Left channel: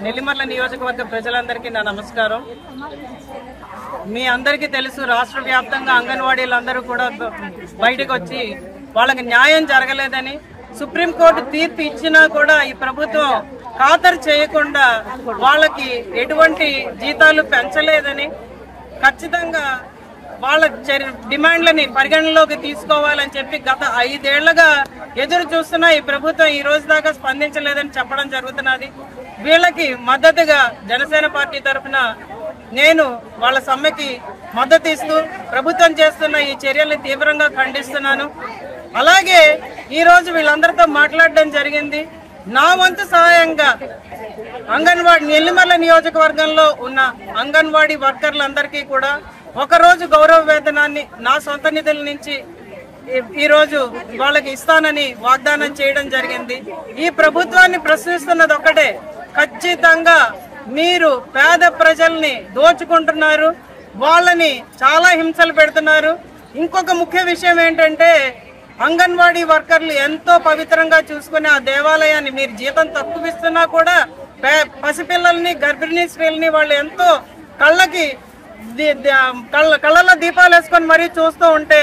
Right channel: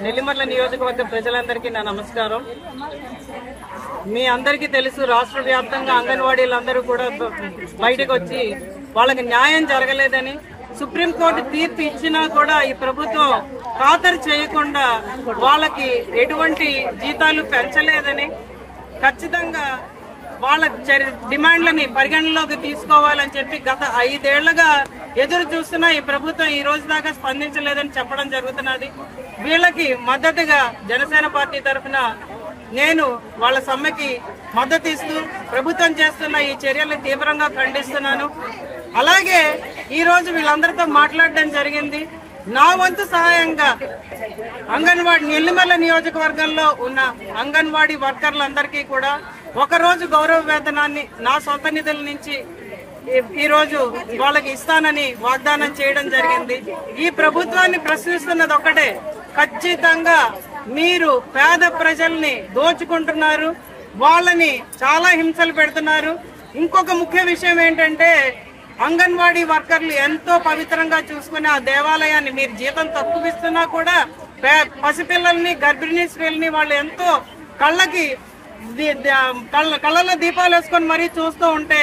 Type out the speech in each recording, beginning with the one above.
నెల్లిమర్ల నియోజకవర్గ ప్రజలందరికీ నా నమస్కారం. మీ అందరికీ తెలుసు, రాష్ట్ర వ్యాప్తంగా అంగన్వాడీలందరూ కూడా బయటకు వచ్చి వాళ్ళకి న్యాయం జరగలేదని, సుప్రీంకోర్టు తీర్పు ఇచ్చినా కూడా ఈ ప్రభుత్వం ఖాతరు చేయకుండా వాళ్ళకి ఎటువంటి జీతాలు పెంచలేదని, ఖచ్చితంగా వాళ్ళ డిమాండ్లని పరిగణలోకి తీసుకోవాలని చెప్పి గత 5 ఏళ్లుగా ఎదురు చూస్తున్నా ఈ ప్రభుత్వం ఈ రోజు దాకా స్పందించలేదని చెప్పడం జరుగుతున్నది. వీళ్ళకి మద్దతుగా జనసేన పార్టీ తరఫున నేను వాళ్ళ సమ్మెకి మద్దతు ఇస్తూ ప్రభుత్వం చేస్తున్న ఈ చర్యల్ని తీవ్రంగా ఖండిస్తున్నాను. అలాగే ఈ రోజు వీళ్ళందరితో మాట్లాడడం జరిగింది. నా వంతు సహాయంగా అంగన్వాడీ నెల్లిమర్ల నియోజకవర్గంలో ఉన్న అంగన్వాడీ వర్కర్లందరికీ కూడా ఒకరోజు గౌరవ వేతనాన్ని నా సొంత నిధుల నుంచి ఈ రోజు వాళ్ళకి ఇస్తానని వాగ్దానం చేయడం జరిగింది. ఈ ప్రభుత్వాన్ని ప్రశ్నిస్తున్నది ఒక్కటే, ఖచ్చితంగా మీరు పేద ప్రజల్ని దోచుకుంటున్నారు, వాళ్ళని చాలా హింసలు పెడుతున్నారు. ఇంకొక ముఖ్య విషయం ఏంటంటే, అంగన్వాడీ వర్కర్లు ఎంతో పవిత్రంగా చూసుకునే ఆ దేవాలయాన్ని మీరు జీతం తక్కువ ఇస్తున్నా కూడా పసిపిల్లల్ని, గర్భిణీ స్త్రీలని వాళ్ళు ఎంతో కళ్ళలో దీపాలు వేసుకొని మరీ చూస్తూ ఉంటే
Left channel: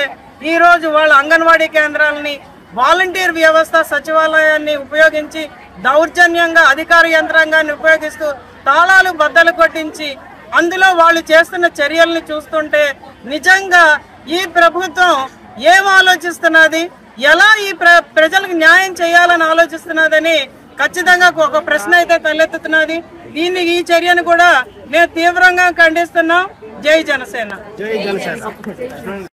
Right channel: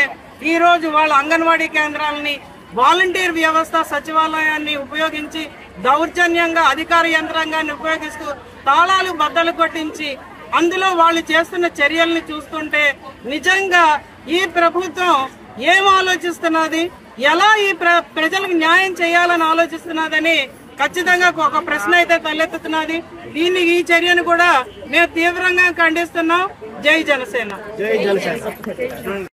ఈ రోజు వాళ్ళ అంగన్వాడీ కేంద్రాలని, వాలంటీర్ వ్యవస్థ, సచివాలయాన్ని ఉపయోగించి దౌర్జన్యంగా అధికార యంత్రాంగాన్ని ఉపయోగిస్తూ తాళాలు బద్దలు కొట్టించి అందులో వాళ్ళు చేస్తున్న చర్యల్ని చూస్తుంటే నిజంగా ఈ ప్రభుత్వం ఏం ఆలోచిస్తున్నది, ఎలా ఈ ప్రజలకు న్యాయం చేయాలని ఆలోచిస్తున్నదని ఖచ్చితంగా ఒక ప్రశ్న అయితే తలెత్తుతున్నది. ఈ చర్యను కూడా మేము తీవ్రంగా ఖండిస్తున్నాం. జై జనసేన.